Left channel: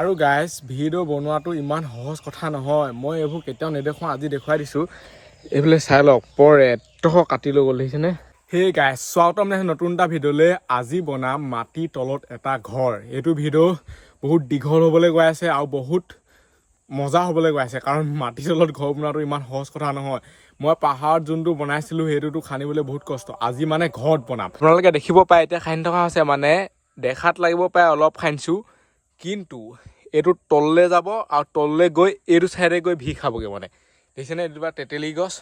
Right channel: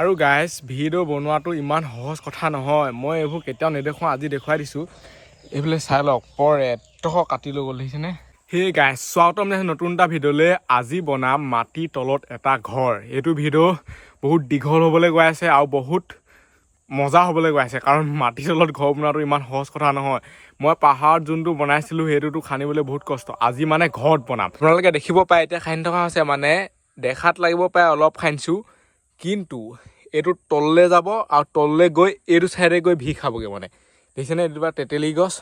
আৰু guys video বনোৱাটো ইমান সহজ কথা নহয়। মই এইবোৰ কেতিয়াও নেদেখুৱাওঁ আজি দেখুৱাই দিছোঁ। এইফালে চাই লওক পৰ এটহ কাটি লৈ গ'ল দেখিছেনে? সেই গাইজ স্বাগতম জনাইছোঁ নতুন এটা ভিডিঅ'লৈ। আজি বনাম মাটিৰ তলত এটা ঘৰ। এইটো ভিডিঅ' বহুত দীঘল হ'বলৈ গৈ আছে আৰু বহুত মজা হ'বলৈ গৈ আছে। কাৰণ মাটিৰ তলত ঘৰ বনোৱাটো ইমান সহজ কথা নহয়। মই পাহাৰত যোনটো বনাইছিলোঁ সেইটোতো খান্দিবলৈ বহুত কষ্ট। আজি মানে ঘৰত বনাম। আপোনালোকে দেখিব পাৰে এতিয়া খান্দি থকা হৈছে। মানে দেখাত লাগিব পাৰে অলপ খান্দিছোঁ কিন্তু এইটো তললৈ যাব আৰু তললৈ গৈ এইটো ছাইডে গৈ ভি খাবগৈ মানে। দেখিছেনে এইজোপা তেতেলী গছ?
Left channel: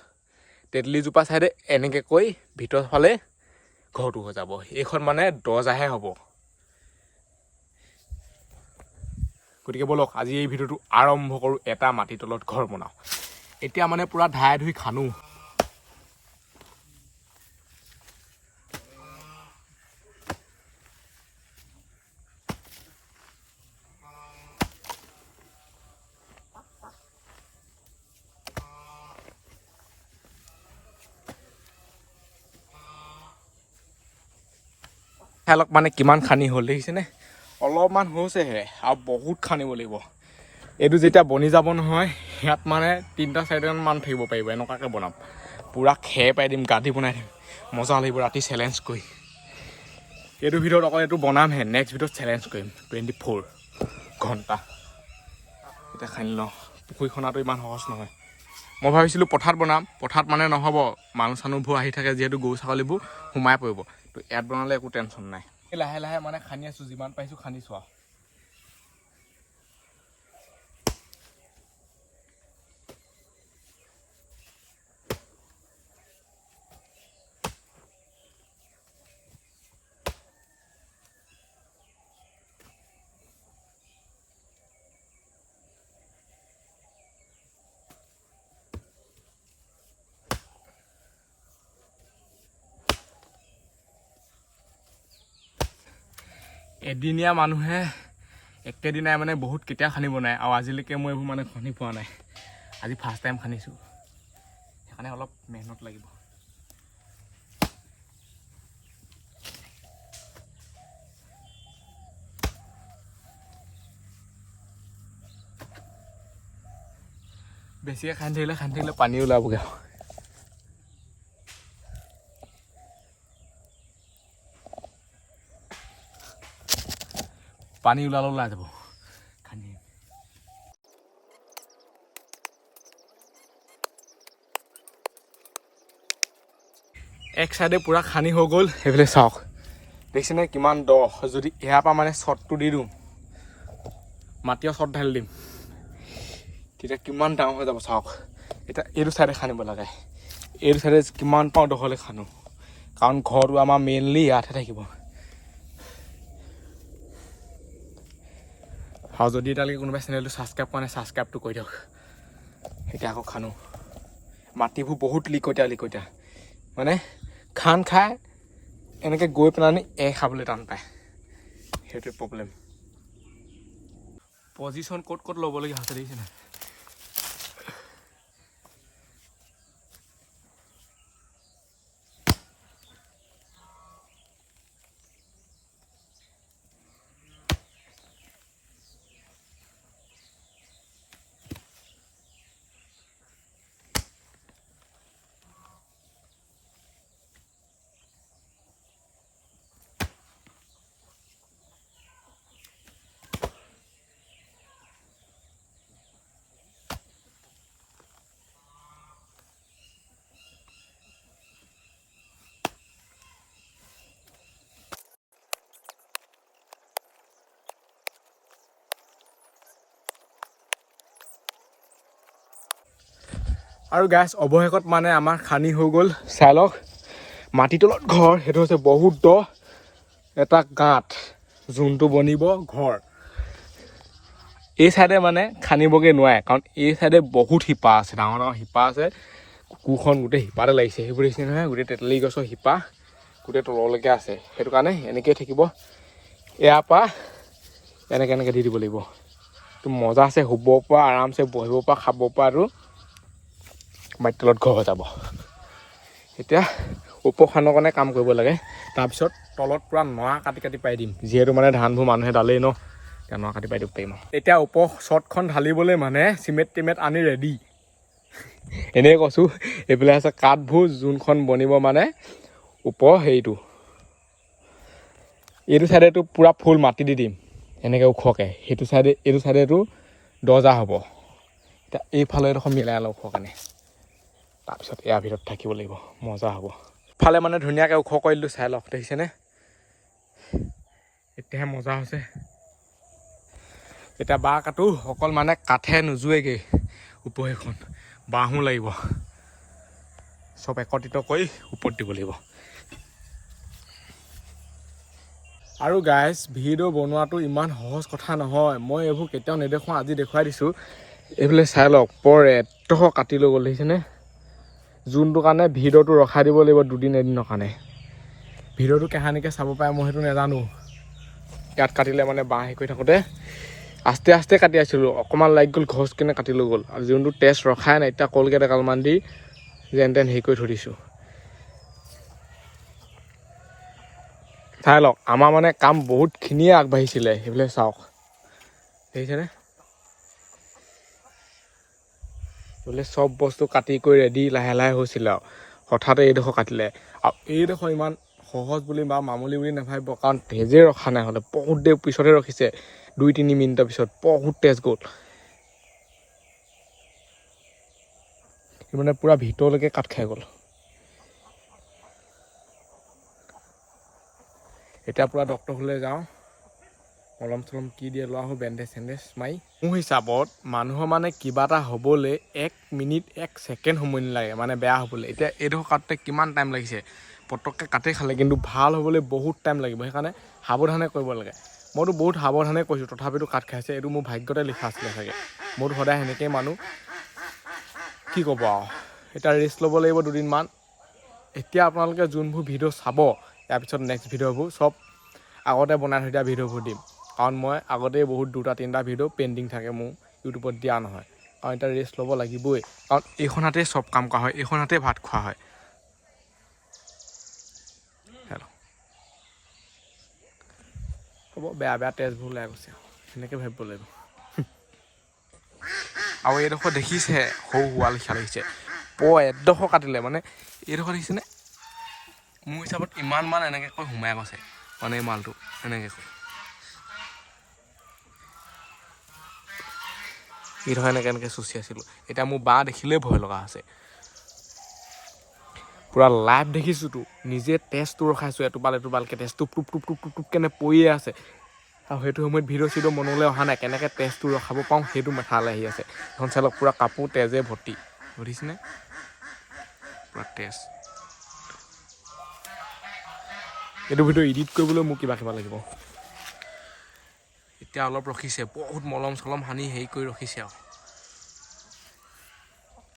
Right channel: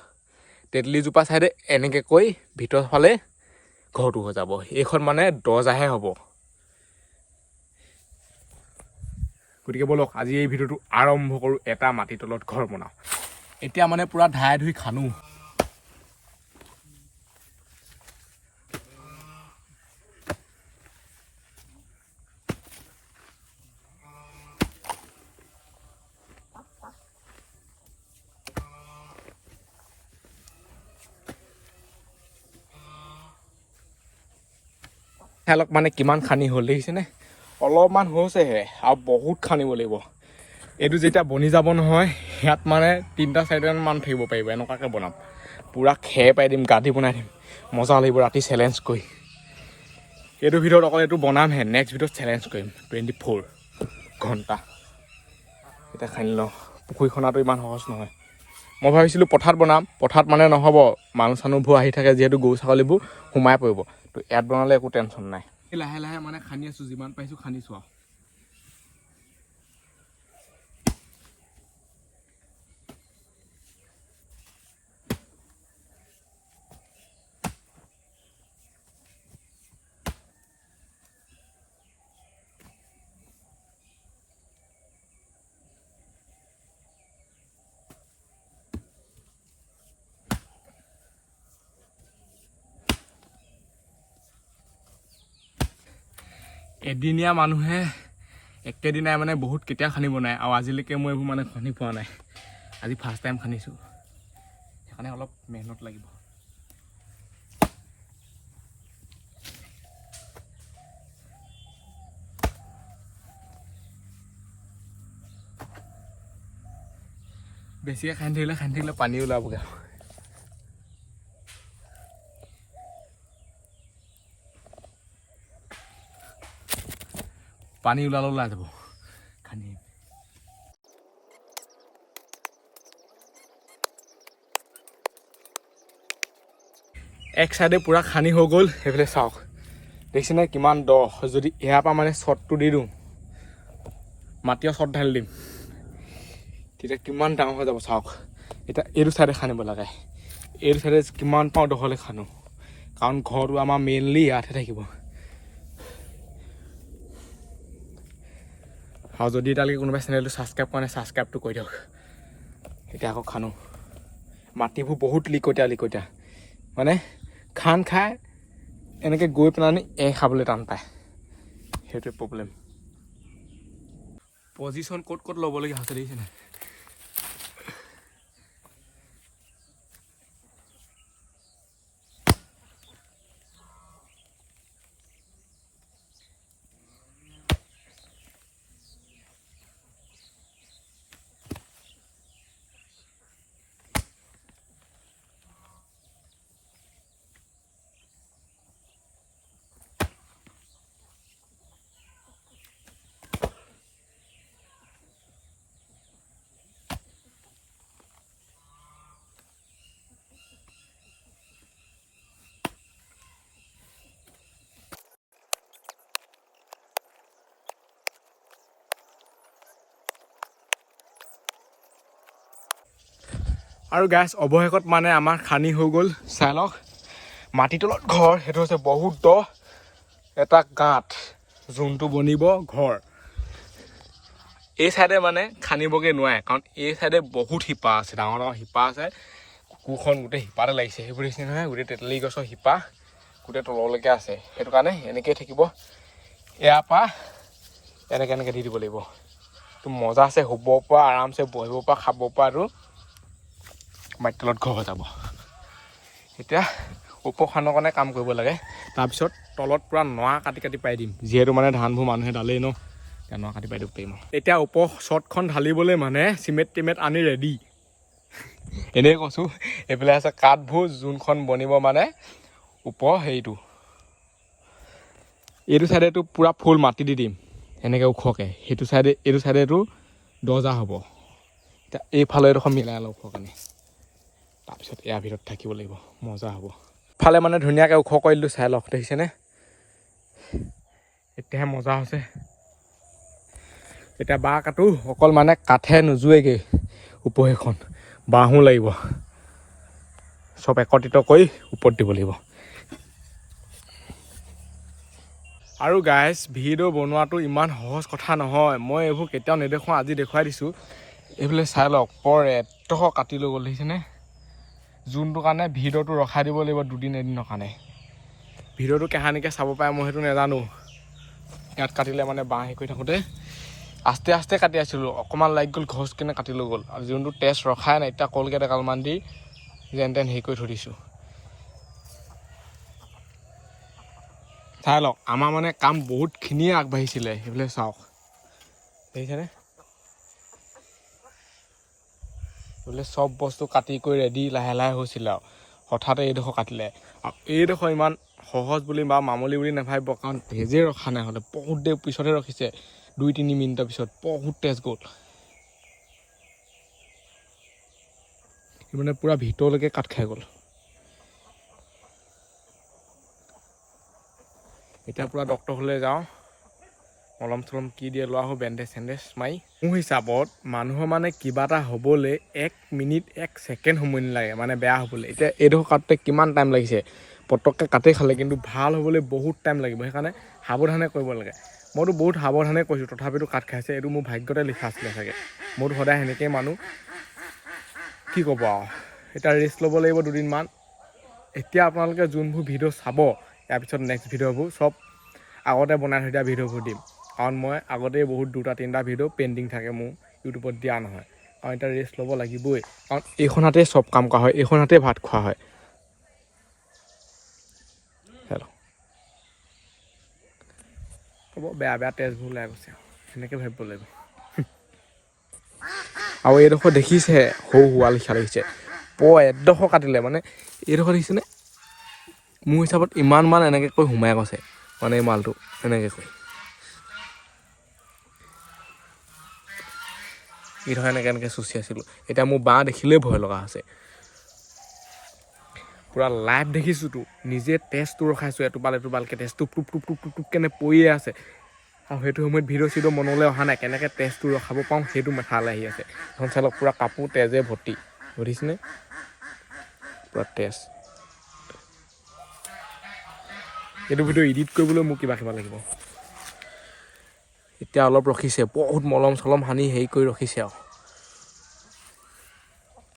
তেতেলীজোপা ছাইডে এনেকৈ কৈ ভিতৰ ফালে ঘৰটো হৈ যাব। এইখন মানে দৰ্জাহে হ'ব। গতিকে ব'লক আজি এই ভিডিঅ'টো আৰম্ভ কৰোঁ। এটা মাটিৰ তলত ঘৰ বনাওঁ। এতিয়া মানে পূৰা ধাই ধুই খানো। অলপ মানে কিমান খানি হ'ল দেখিছেনে অলপমান হৈছেহে আৰু বহুত খানিব লাগিব। এইটো যেতিয়া বনি যাব নহয় ইয়াত মানে তিনিটা চাৰিটামান থাকিব পাৰিব এনেকুৱাকৈ বনাম। পূৰা খেৰ পাই দিম গাঠি বনাই দিম। মজা লাগিব ৰাতি চেলেঞ্জ কৰি। এইটো ভিডিঅ'ত অকল এইটো বনামহে নেক্সট ভিডিঅ'ত চেলেঞ্জ কৰিম টুৱেণ্টি ফ'ৰ ঘণ্টা। এতিয়া খানি লওঁ পুখুৰী খনাটো ইমান সহজ নহয়। মই ভাবিছিলোঁ পথাৰত বনাম পথাৰত মানে নহ'ব মানুহ চানুহবোৰ আহি থাকে যিহেতু গৰু ছাগলীবোৰ সোমাই পৰিব। ইয়াত বনালে একো টেনশ্যন নাই। লাহে লাহে মানে খান্দি আছোঁ যিমান পাৰিছোঁ খান্দিছোঁ আৰু এদিনীয়া মানুহে একেদিনাই মানে বহুত কেতিয়া খান্দিব নাই আৰু আজিলৈকে মই এইবোৰ মানে খান্দি পোৱা নাই। আজি ফাৰ্ষ্ট টাইম খান্দিছোঁ সেইকাৰণে অলপ মেহনত লাগিব। বেছিকৈ খান্দি থাকিলে খান্দি থাকিলে পানী ওলাবগৈ। পানী ওলালে ওলাই যাব। খান্দি এক চাইডে পূৰা খানি হৈ গ'ল সেইফালে চাওক। দেখিছেনে কিমান দ? যদি ইয়াৰ পৰা মানে শ্বটটো দি দিওঁ মাটিও শ্বট ঢালি দিম। তেতিয়া কিমান ডাঙৰ হৈ যাব চাওক। এতিয়া এইটো চাইডে খান্দিব লাগে। এইটো চাইডে কিমান পাওঁ দহলে খানো। কাৰণ ঘৰটো আমাৰ মেইনলি ইয়াতহে থাকিব। আৰু যদি এতিয়ালৈকে কোনোবাই চেনেলটো ছাবস্ক্ৰাইব কৰা নাই ছাবস্ক্ৰাইবটো কৰি দিয়ক এতিয়া আকৌ খানো। মাটিবোৰ বহুত লিকটীয়া লিকটীয়া মানে খান খাই এনেকৈ গৈ পেলাই এ খাবলৈ টান পায়। সেইটোৱে প্ৰব্লেম পজিশ্যন ক'ত ক'ত ল'বলগীয়া হৈছে দেখিছেনে আৰু গেছ অৱশেষত মানে আমাৰ খানি হৈ গ'ল চাই লওক মাটি তলত ঘৰ, সেইটো হৈছে বহুত দ। এটা গাঁত যোনটো বনিব ঘৰ। এই চাইডে মানে খান্দিবগৈ নোৱাৰে, কাৰণ এই চাইডে বহুত শিপা আছে, ডাঙৰ ডাঙৰ শিপা আছে। কুকুৰখন গোটেই শিপাতে লাগিছে, সেইবোৰ দেখিছে নহয়, গোটেই তেতেলী গছৰ শিপা, গোটেই তললৈকে আছে। সেইটো কাৰণে এনেকৈয়ে থাকিব। ইয়াৰ পৰা এনেকৈ এনেকৈ দি দিব লাগিব। মজা আছে, শুব পৰা, আৰামছে বহিব পৰা, খাব পৰা আৰু মাটিৰ তলত ঘৰ হৈ যাব এতিয়া ওপৰ খানৰ কাৰণে কাম কৰিব লাগে। তাৰপিছত তলত পূৰা নৰা কাটি কাটি পাই দিম। যিহেতু মানে ধানবোৰ মানুহে ডালেই ন এতিয়া নৰা কাটি পাই দিব পাৰিম এতিয়া ওপৰ শ্বৰ্টখন ঢালিবলৈ মানে চিমেণ্ট টিমেণ্ট আনি ৰেডি এনেই কৈছোঁ এইফালে আছে কাঠবোৰ যোনখন বনিব মানে ওপৰ হেৰিটো। এইটো চাইডেতো পূৰা ফুল মাটি দি দিম এনেকৈ ওখকৈ। সেইটো চাইডে এইটো চাইডেতো দৰ্জা হ'ব। এতিয়া এইফালে এডোখৰ মিলাই লওঁ ওখ কাৰণে। তাৰপিছত ইয়াৰ ভিতৰত থাকিব লাগিব মজা হ'ব। ফালে মানে ধুনীয়াকৈ ওখ কৰি দিলোঁ চাই লওক দেখিছেনে? এতিয়াহে মজা হৈছে। এতিয়া বাঁহ কাটো অকল মানে কাঠে নোজোৱেগৈ ওপৰখন বাঁহো লাগিব। চব একত্ৰিত কৰি ওপৰত দিব লাগিব। আৰু গাইজ ভিডিঅ' বনোৱাটো ইমান সহজ কথা নহয়। মই এইবোৰ কেতিয়াও নেদেখুৱাওঁ আজি দেখুৱাই দিছোঁ। এইফালে চাই লওক পৰ এডোখৰ কাটি লৈ গ'ল দেখিছেনে? যোনটো কাৰণে ভিডিঅ'টো ৰখাই দিব লাগিব দুদিন এদিনৰ কাৰণে। ভিডিঅ'টো কাহানিকৈ চাব পাৰে, মই সেইটো নাজানো। ইয়াত কাটিলে মানে বাঁহ হেৰি কৰি থাকোঁতে। আস্তে আস্তে কাটি আছিলোঁ, অকণমান লাগি গ'ল, ঘচ কিনে কাটি লৈ গ'ল। আৰু যোনটো তেজ ৰখাই নাই, এতিয়া কলগেট এগালমান দি যেন তেন হেৰি কৰি থৈ দিছোঁ। চাই লওক, আমাৰ মানে কাম বহুতখিনিয়ে আগবাঢ়িছিলে, সেইফালে চাওক। দেখিছেনে? বোলে চব বস্তু কাটি কৰি ৰেডি লাহে লাহে হৈছিলে আৰু। হঠাতে এইডোখৰ কাটিলে। আৰু এইডোখৰ ইমান সহজ বুলি বা মামুলি বুলি নাভাবিব কাৰণ তেজে ৰখা নাই হ'লে। বহুত দেৰি পিছতহে ৰখিছে। দুই তিনি মিনিটৰ পিছত। বহুত তেজ গ'ল। মানে পূৰা ভিতৰলৈকে কাট খাই গ'ল। এতিয়া পূৰা ডক্তৰ হ'লে যাওঁ। মলম চলম কি দিয়ে লোৱা আহোঁ বেণ্ডেজ চেণ্ডেজ মাৰি মোৰ হিচাপত মানুহৰ মানে কিবা এটা হ'বলৈ এক মিনিট, এক ছেকেণ্ড সময় নালাগে মানে বেয়া হ'বলৈ। এতিয়া এইডোখৰ কাটোতে কিমান টাইম লাগিছে? পটককৈ কাটে খালে কিন্তু ভালো হ'বলৈ বহুত টাইম লাগিব, সেইকাৰণে সাৱধানে কৰিব লাগে। মইতো বহুত সাৱধানে কৈছোঁ, তথাপিতো কাট খাইছে, এইটো মোৰ ভাগ্যতে লিখা আছিলে চাগে। মইতো সদায় সেনেকৈয়ে মানুহ। কি ক'ব আৰু? এতিয়া ৰেষ্ট ল'ব লাগিব দুদিনমান। এতিয়া আপোনালোকে যোনবোৰ ভিডিঅ' চাব, ইয়াৰ পিছত নেক্সট ভিডিঅ'বোৰ, চব আগতে বনাই থৈ দিয়া ভিডিঅ'বোৰ দিম। কাৰণ মই আগতেই বহুত দুটা, তিনিটা ভিডিঅ' পেণ্ডিং থাকে মোৰ ইউটিউবত দিয়া নহয়। কাৰণ এতিয়া ৰেষ্ট ল'ব লাগিবই। কাৰণ এইখন হাতেই চব কাম কৰা হয় এইখন হাতেই ভাত খোৱা হয়। হেল্ল' হ'ব, বেয়া বেয়া তেজবোৰ ওলাই গৈছে। আৰু সেনেকৈ ভাবিব লাগিব। আৰু এইডোখৰ দেখিছে, সৰু হোৱা লিখা লাগিছে প এডোখৰ কাটিলে মানে এইডোখৰ দেখিছেনে? মোৰ হিচাপত ইমান মান এনেকৈ কৈ সোমাই গৈছে মানে এই মালটো, এনেকৈ কৈ। এইডোখৰ এনেকৈ এনেকৈ চুচি আছিলোঁ। এতিয়া মোৰ বাঁহ দেখিলেই ভয় লগা হৈছে। পূৰা লাইভ দেখিছোঁতো নিজে তেজটো ৰখাইছোঁ, এটোপাল এটোপালকৈ তেজ টুপ টুপ টুপ টুপ টুপ কেনে পৰিয়ে আছে। আৰু সেইটো সময়ত ভিডিঅ' চিডিঅ' মনলৈ অহা নাই, কেনেকৈ তেজটো ৰখাব পাৰোঁ সেইটো মেথালৈ আহি আছে। এখন চাই লওক পূৰা কাপোৰ তেজে ভৰ্তি, বুজিছেনে? পূৰা তেজ। এইটো ভিডিঅ' এডিট কৰিবলৈ মোক কিবা কিবা লাগিব। এতিয়া অলপ ৰখিছে বহুত মলম চলম সানি হেৰি কৰি ৰখিছে আৰু।